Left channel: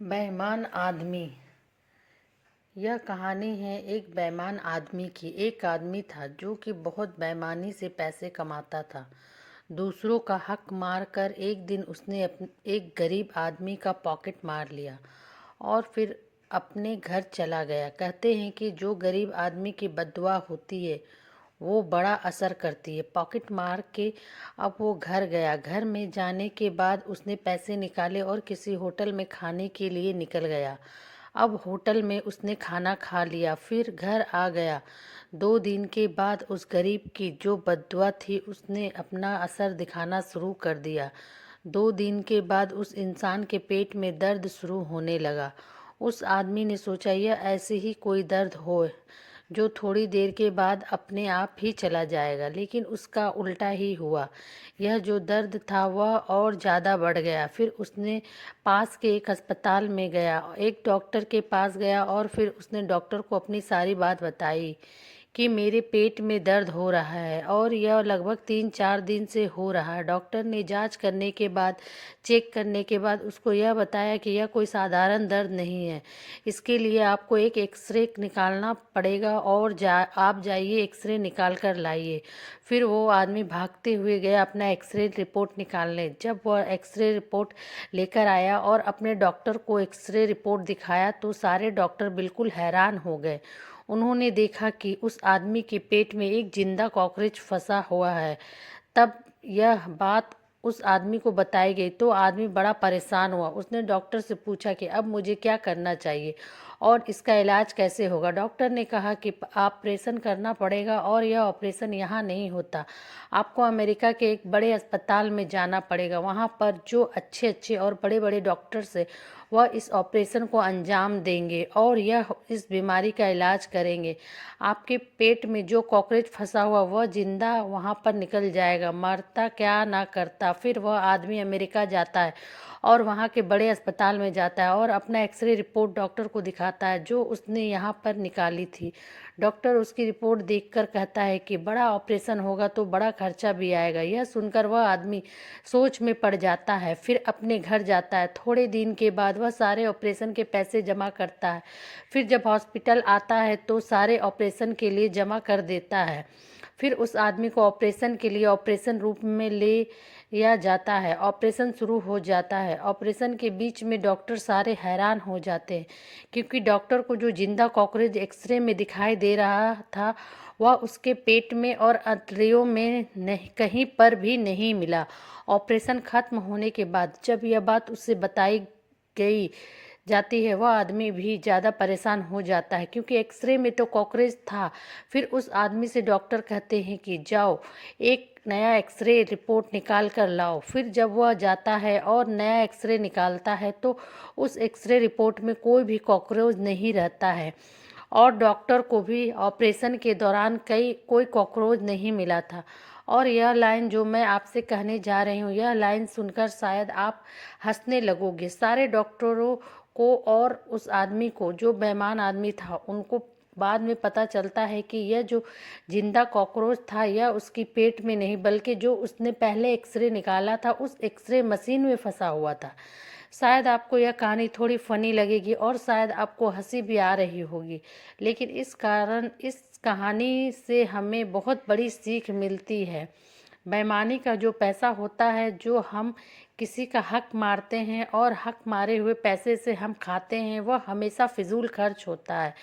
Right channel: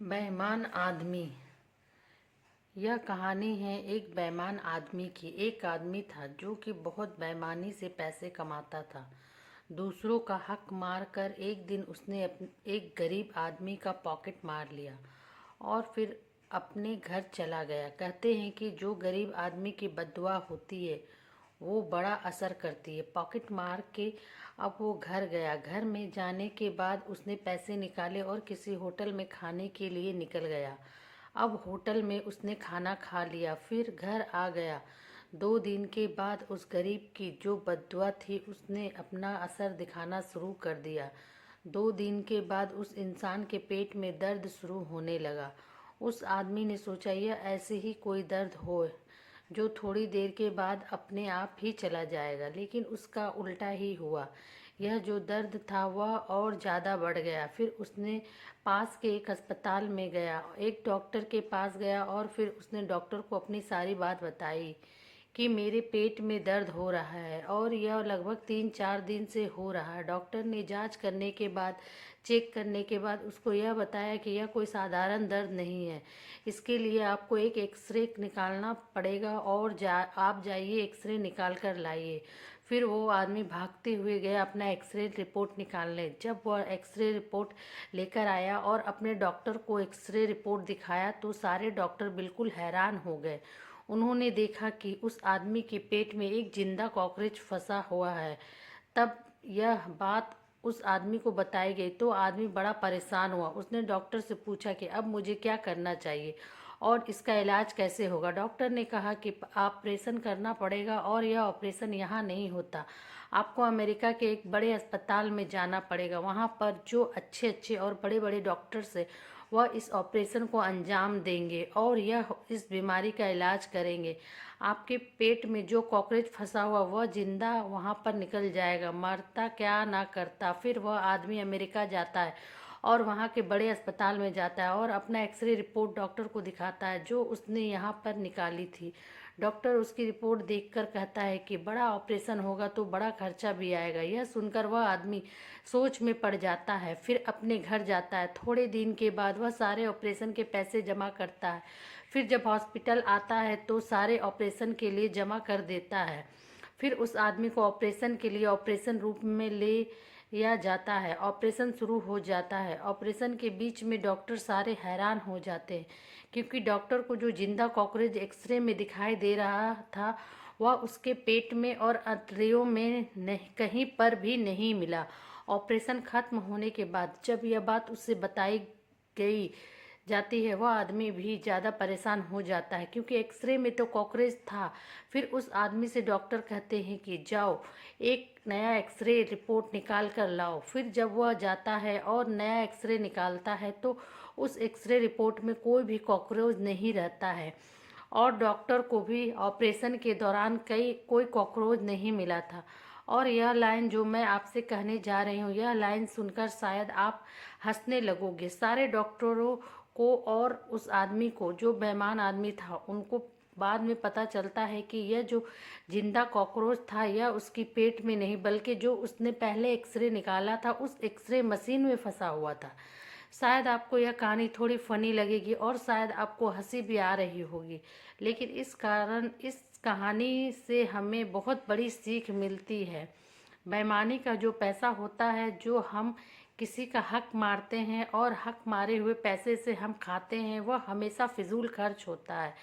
बेईमान आदमी। यह कहानी है एक बेईमान आदमी की। एक आदमी था जो कि बहुत बेईमानी से पैसे कमाता था। दूसरों का हक मारकर एक दिन उसने एक गरीब आदमी का पॉकेट मार लिया और फिर अपने घर चला गया। कहते हैं कि जो गरीब आदमी की बद्दुआ होती है वो बड़ा असर करती है। पॉकेट मार के अब वो घर गया। घर में जाने के बाद उसने पैसे निकाले और किसी होटल में खाने के लिए निकल गया। अब होटल में उसने खाना खा लिया, फिर घर आ गया। 2 दिन के बाद उस गरीब की जो बद्दुआ थी उसने अपना असर दिखाना शुरू कर दिया। 2 दिन के बाद उस इंसान के पेट में दर्द शुरू होने लगा। उस आदमी ने सोचा यह ऐसे ही कोई दर्द हो जो थोड़ी देर के बाद अपने आप ही चला जाएगा, लेकिन उसका उल्टा ही हुआ। यह जो दर्द था वह और ज़्यादा बढ़ गया। फिर उसने पास के एक अस्पताल में गया, एक डॉक्टर के पास गया और फिर उसने डॉक्टर को अपनी सारी बात बताई कि मेरे पेट में दर्द हो रहा है और यह लगभग 3-4 दिन से हो रहा है। डॉक्टर ने जांच करने के बाद, चेक करने के बाद उसको यह बताया कि यह कोई साधारण दर्द नहीं है। इसके लिए आपको एक एक्सरे निकालना पड़ेगा और आप जाइए एक्सरे निकाल कर लाइए। फिर वो आदमी भागते हुए गया अपना एक्सरे रिपोर्ट निकालने। जब वह एक्सरे रिपोर्ट लेकर आया और अपने डॉक्टर को एक्सरे रिपोर्ट दिखाया तो सारे डॉक्टर बिल्कुल हैरान हो गए। उन्होंने देखा कि उस आदमी के पेट में एक जिंदा कॉकरोच फंसा हुआ है। तब यह बात उस आदमी को बताई गई तो आदमी बड़ा परेशान हुआ। उसने डॉक्टर से पूछा कि अब मुझे क्या करना चाहिए और इसका इलाज कैसे होगा। डॉक्टर ने कहा कि ऑपरेशन करना पड़ेगा और यह ऑपरेशन यहाँ नहीं होता, आपको अमेरिका के एक बड़े अस्पताल में जाना पड़ेगा। वहाँ पर जो अच्छे अच्छे और बड़े बड़े डॉक्टर्स हैं वह इस ऑपरेशन को अंजाम देंगे और यह इस बीमारी का इलाज करेंगे। आपके पेट में जो कॉकरोच फंसा हुआ वह जिंदा वहाँ पर निकल जाएगा, मरता क्या ना करता। फिर वह आदमी अमेरिका जाता है और वहाँ के बड़े अस्पताल में जाता है और अपना एक्सरे रिपोर्ट डॉक्टर को दिखाता है जो उसने यहाँ पर निकाली थी। डॉक्टर उसकी रिपोर्ट देखकर कहता है कि बड़ा ऑपरेशन होगा तो बड़ा खर्चा भी आएगा। यह सुनकर वह आदमी सोच में पड़ जाता है, फिर अपने घर जाता है। थोड़े दिन के बाद वह सारे ऑपरेशन के पैसे जमा करता है। फिर जब हॉस्पिटल आता है तो सारे ऑपरेशन के लिए जमा कर देता है। फिर उस आदमी को ऑपरेशन के लिए ऑपरेशन रूम में ले या जाता है। ऑपरेशन शुरू हो जाता है। ऑपरेशन के बीच में डॉक्टर सारे हैरान हो जाते हैं क्योंकि डॉक्टर को जो जिंदा कॉकरोच एक्सरे में दिखाई दे रहा था वह उसके पेट में और अंतड़ियों में नहीं, कहीं पर भी नहीं मिला। ऑपरेशन खत्म होने के बाद जब यह बात उससे बताई गई जाती है वह आदमी भी ज़्यादा परेशान हो जाता है क्योंकि एक्सरे में तो कॉकरोच था। फिर उस आदमी से डॉक्टर कहते हैं कि जाओ एक नया एक्सरे रिपोर्ट निकाल कर लाओ। फिर जब वह जाता है और नया एक्सरे निकालता है तो उस एक्सरे रिपोर्ट में कोई भी कॉकरोच नहीं रहता है और डॉक्टर को भी ऑपरेशन के दौरान कोई कॉकरोच नहीं मिला था। और यह लाइन जो मैं आपसे कहने जा रही हूँ, यह लाइन सुनकर शायद आप हंसने लगोगे। सारे डॉक्टरों को और उस आदमी को जो बेईमान आदमी था उनको बाद में पता चलता है कि यह जो जिंदा कॉकरोच था यह उसकी पेट में नहीं बल्कि जो उसने पहले एक्सरे निकाला था उस एक्सरे मशीन में फंसा हुआ था। शायद आपको यह कहानी थोड़ी फनी लगेगी और शायद आपको हंसी भी आ रही होगी, लेकिन इस कहानी से हमें बहुत बड़ी सीख मिलती है। बेईमानी का जो पैसा होता है, जो हम किसी का हक मारते हैं और हक मारे हुए पैसे से हम खाते हैं, वह हमेशा फिजूल खर्च होता है।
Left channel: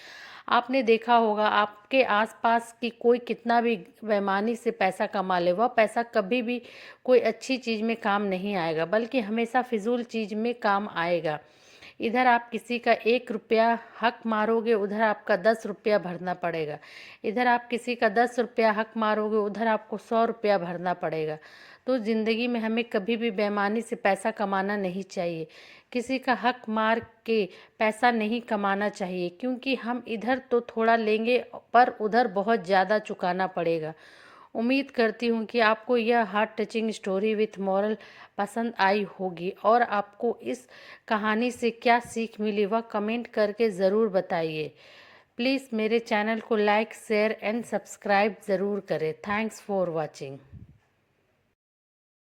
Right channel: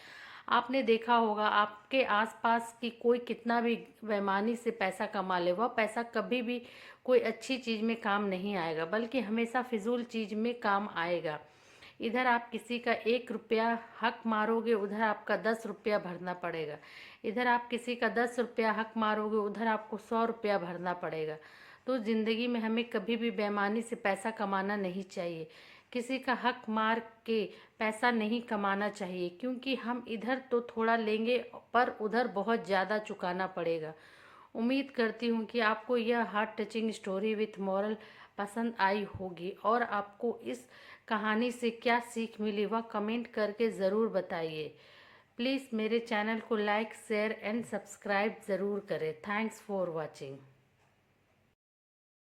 आपने देखा होगा आपके आसपास की कोई कितना भी बेईमानी से पैसा कमा ले, वह पैसा कभी भी कोई अच्छी चीज़ में काम नहीं आएगा बल्कि हमेशा फिजूल चीज़ में काम आएगा। इधर आप किसी का 1 रुपया हक मारोगे उधर आपका 10 रुपया भरना पड़ेगा। इधर आप किसी का 10 रुपया हक मारोगे उधर आपको 100 रुपया भरना पड़ेगा। तो ज़िंदगी में हमें कभी भी बेईमानी से पैसा कमाना नहीं चाहिए। किसी का हक मार के पैसा नहीं कमाना चाहिए क्योंकि हम इधर तो थोड़ा लेंगे पर उधर बहुत ज़्यादा चुकाना पड़ेगा। उम्मीद करती हूँ कि आपको यह heart touching story with moral पसंद आई होगी और आपको इस कहानी से क्या सीख मिली वह कमेंट करके ज़रूर बताइए। प्लीज़ मेरे चैनल को लाइक, शेयर एंड सब्सक्राइब ज़रूर करें। Thanks for watching.